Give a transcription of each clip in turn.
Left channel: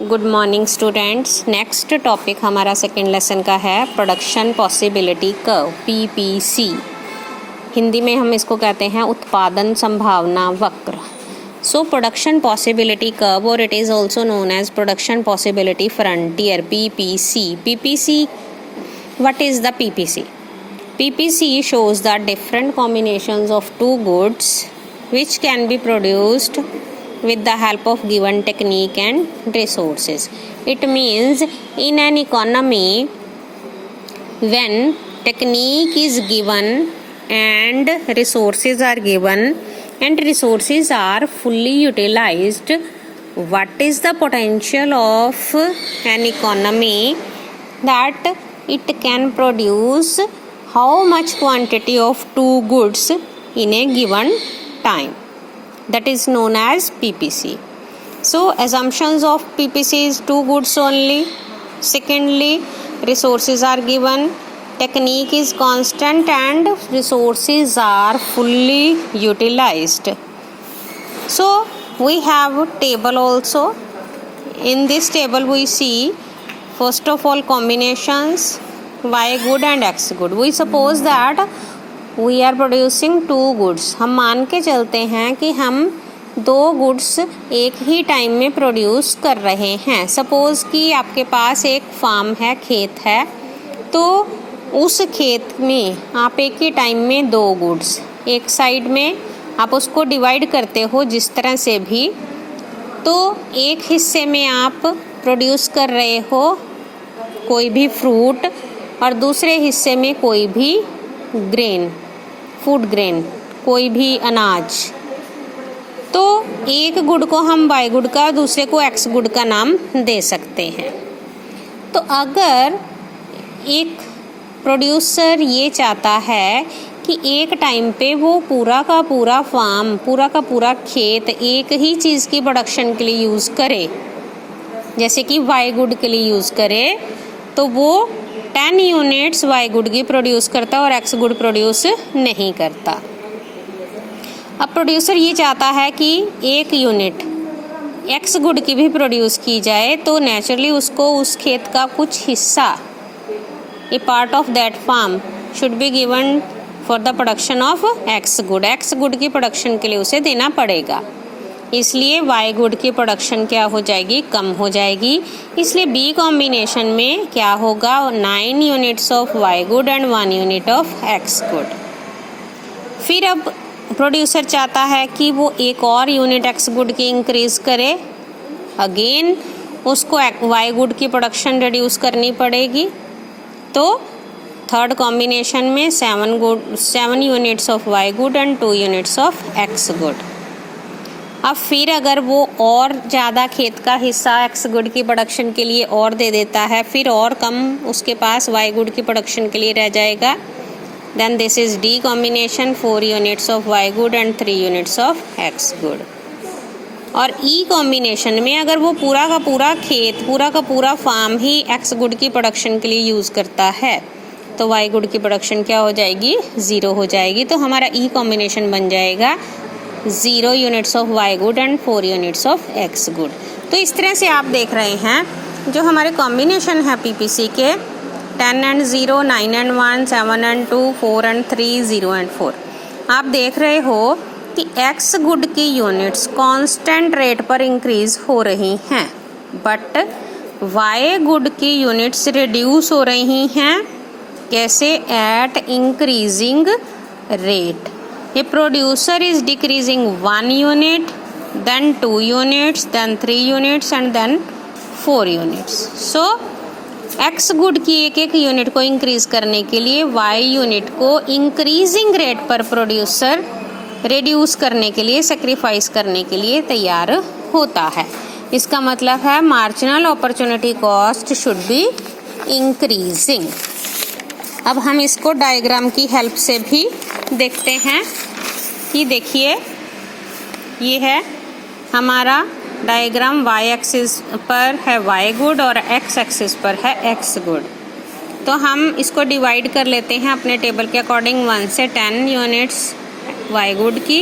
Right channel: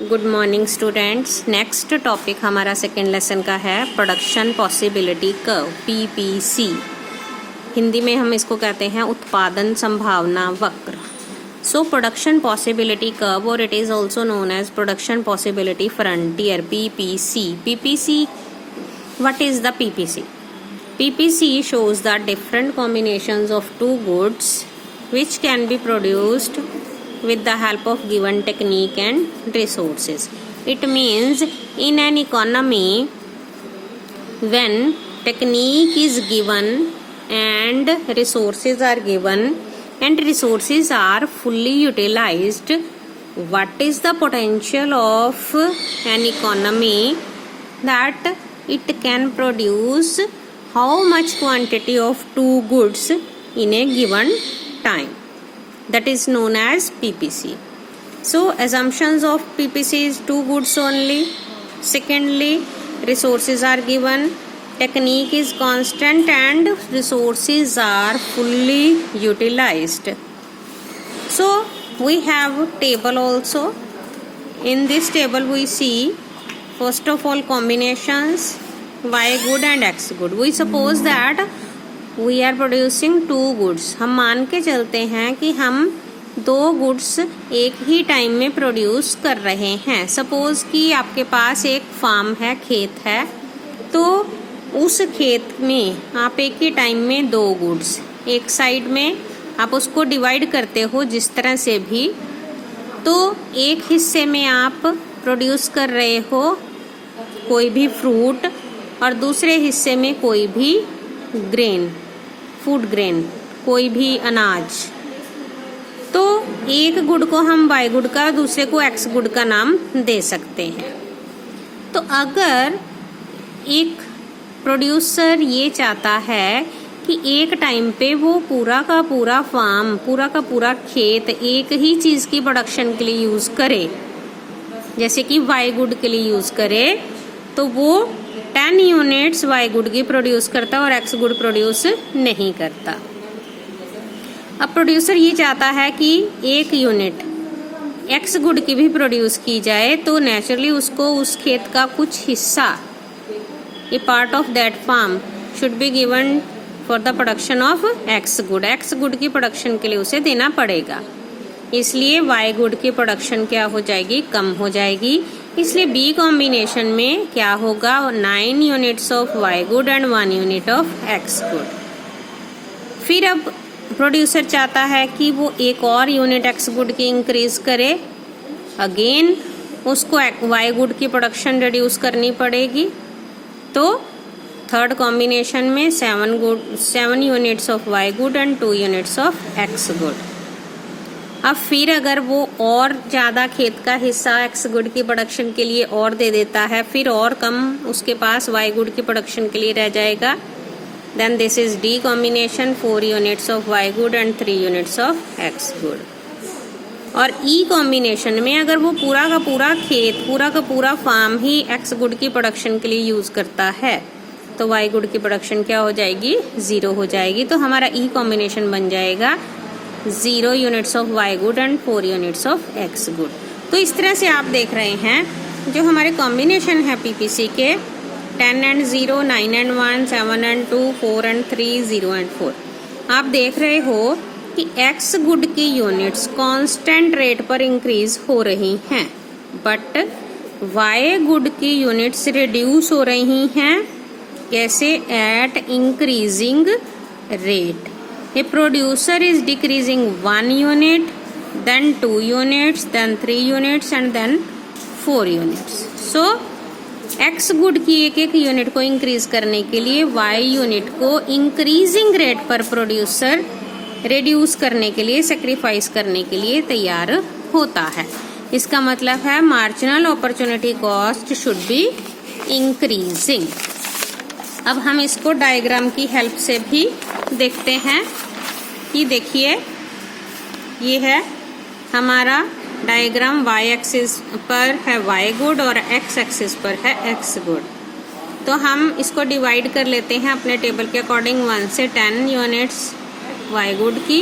Good morning students. Next topic हमारा second lesson का है production possibility curve, PPC. Hindi में हम इसको कहते हैं उत्पादन संभावना वक्र। सो प्रोडक्शन पॉसिबिलिटी कर्व और it is also known as production possibility frontier, PPC. PPC, what is the PPC? PPC shows the different combinations of two goods which can be produced with the help of given technique and resources. It means in an economy, when technique is given and resources are given and resources are fully utilized, what is the potential of an economy that it can produce how much quantity of two goods in a given time? That is known as PPC. So assumptions of PPC is two goods only. Secondly, resources are given, technique is constant and resources are fully utilized. So we have table also. In this table we see first of all combinations Y good and X good. We suppose that we are producing two goods. हम मान के चलते हैं कि हम दो goods एक ही time में प्रोड्यूस कर रहे हैं। सपोज कि आपके पास एक फार्म है, खेत है, तो उस खेत में आप एक ही टाइम में दो गुड्स, एक साइड में आप उसको डिवाइड करते हो जिस तरह से भी, तो एक हिस्से में आप प्रोड्यूस कर रहे हो कोई भी फ्रूट और दूसरे हिस्से में कोई भी ग्रेन, फूड ग्रेन, कोई भी अनाज। तो एक गुड को हम वाई गुड का, दूसरे को एक्स गुड का नाम दे सकते हैं। तो अगर एक प्रोड्यूसर ये चाहता है कि एक टाइम पे वो पूरा का पूरा फार्म, पूरा का पूरा खेत एक ही चीज़ की प्रोडक्शन के लिए यूज़ करे, जैसे कि वाई गुड के लिए यूज़ करे, तो वो 10 यूनिट्स वाई गुड की प्रोड्यूस करता और एक्स गुड प्रोड्यूस नहीं करता। अब प्रोड्यूसर ये चाहता है कि एक यूनिट एक्स गुड की भी प्रोड्यूस की जाए, तो नेचुरली उसको उस खेत का कुछ हिस्सा, a part of that farm should be given for the production of x good. X good की प्रोडक्शन के लिए उसे देना पड़ेगा, इसलिए वाई गुड की प्रोडक्शन क्या हो जाएगी, कम हो जाएगी। इसलिए बी कॉम्बिनेशन में क्या होगा, 9 units of Y good and 1 unit of x good. फिर अब प्रोड्यूसर चाहता है कि वो एक और यूनिट एक्स गुड की इंक्रीज करे, अगेन उसको वाई गुड की प्रोडक्शन रिड्यूस करनी पड़ेगी। तो थर्ड कॉम्बिनेशन में 7 units of Y good and 2 units of x good. अब फिर अगर वो और ज़्यादा खेत का हिस्सा एक्स गुड की प्रोडक्शन के लिए और दे देता है, फिर और कम उसके पास वाई गुड की प्रोडक्शन के लिए रह जाएगा, then this is D combination, 4 units of Y good and 3 units of x good. और ई कॉम्बिनेशन में अगर वो पूरा का पूरा खेत, पूरा का पूरा फार्म ही एक्स गुड की प्रोडक्शन के लिए यूज़ करता है, तो वाई गुड की प्रोडक्शन क्या हो जाएगी, 0 हो जाएगी। तो हमारा ई कॉम्बिनेशन बन जाएगा 0 units of Y good and 4 units of x good. तो इस तरह से आप देख रहे हैं जो हमारे कॉम्बिनेशन है पीपीसी के 10 and 0, 9 and 1, 7 and 2, 4 and 3, 0 and 4, आप देख रहे हो कि एक्स गुड की यूनिट्स कांस्टेंट रेट पर इंक्रीज हो रही हैं, बट वाई गुड की यूनिट्स रिड्यूस हो रही हैं। कैसे? At increasing rate. A producer is decreasing 1 unit, then 2 units, then 3 units and then 4 units. So, X good की एक एक यूनिट को इंक्रीज करने के लिए Y यूनिट को इंक्रीजिंग रेट पर प्रोड्यूसर रिड्यूस करने के लिए, सेक्रीफाइस करने के लिए तैयार होता है। इसका मतलब है marginal opportunity cost should be increasing. अब हम इसको डायग्राम की हेल्प से भी देखते हैं कि देखिए, ये है हमारा डायग्राम, वाई एक्सिस पर है वाई गुड और एक्स एक्सिस पर है एक्स गुड। तो हम इसको डिवाइड कर लेते हैं अपने टेबल के अकॉर्डिंग, 1 से 10 यूनिट्स वाई गुड की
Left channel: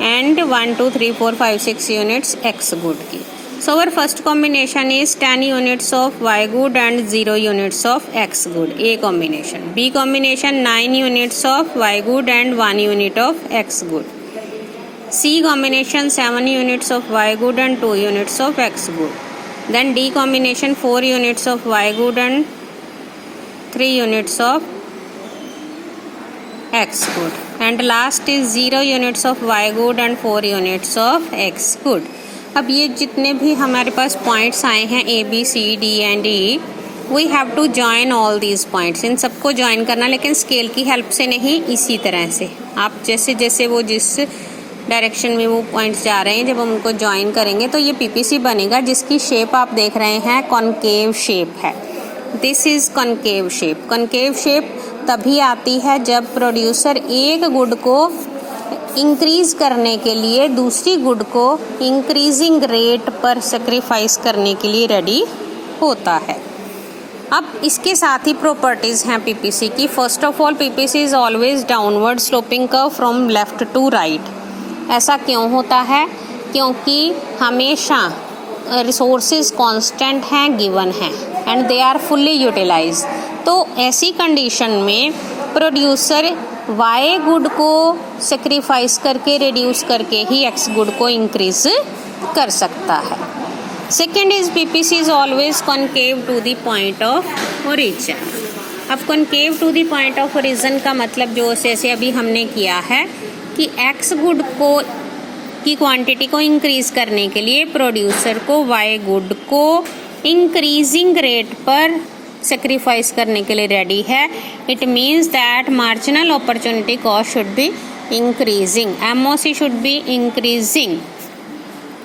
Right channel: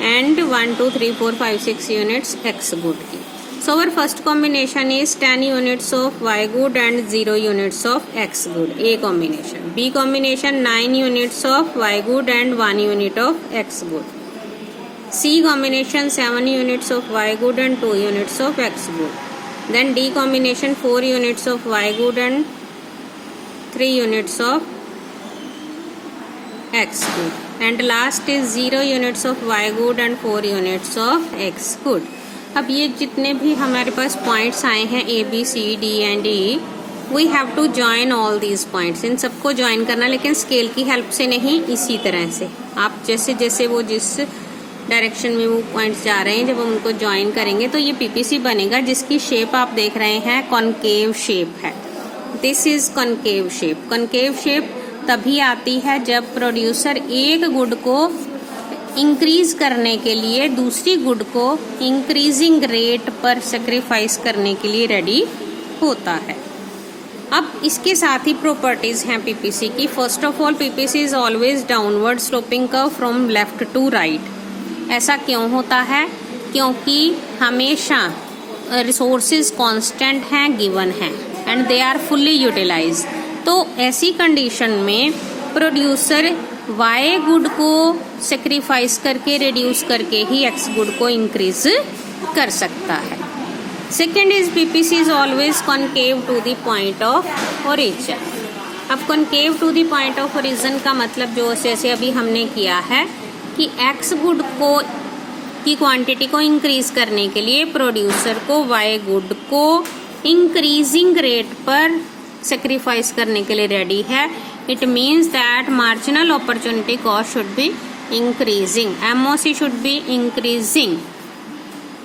एंड 1 2 3 4 5 6 यूनिट्स एक्स गुड की। So our first combination is 10 units of Y good and 0 units of X good. A combination. B combination 9 units of Y good and 1 unit of X good. C combination 7 units of Y good and 2 units of X good. Then D combination 4 units of Y good and 3 units of X good. And last is 0 units of Y good and 4 units of X good. अब ये जितने भी हमारे पास points आए हैं A, B, C, D and E, we have to join all these points. इन सबको join करना, लेकिन स्केल की हेल्प से नहीं, इसी तरह से आप जैसे जैसे वो जिस डायरेक्शन में वो पॉइंट्स जा रहे हैं, जब हम उनको ज्वाइन करेंगे तो ये पीपीसी बनेगा, जिसकी शेप आप देख रहे हैं कॉनकेव शेप है. This is concave shape. Concave shape तभी आती है जब प्रोड्यूसर एक गुड को इंक्रीज करने के लिए दूसरी गुड को इंक्रीजिंग रेट पर सेक्रीफाइस करने के लिए रेडी होता है. अब इसके साथ ही प्रॉपर्टीज हैं पीपीसी की. First of all, PPC is always downward sloping curve from left to right. ऐसा क्यों होता है? क्योंकि हमेशा रिसोर्सेज कांस्टेंट हैं, गिवन हैं and they are fully utilize. तो ऐसी कंडीशन में प्रोड्यूसर वाई गुड को सेक्रीफाइस करके रिड्यूस करके ही एक्स गुड को इंक्रीज कर सकता है. Second is PPC is always concave to the point of origin. अब concave to the point of origin का मतलब जो जैसे अभी हमने किया है कि एक्स गुड को की क्वांटिटी को इंक्रीज करने के लिए प्रोड्यूसर को वाई गुड को इंक्रीजिंग रेट पर सेक्रीफाइस करने के लिए रेडी है. It means that marginal opportunity cost should be increasing. MOC should be increasing.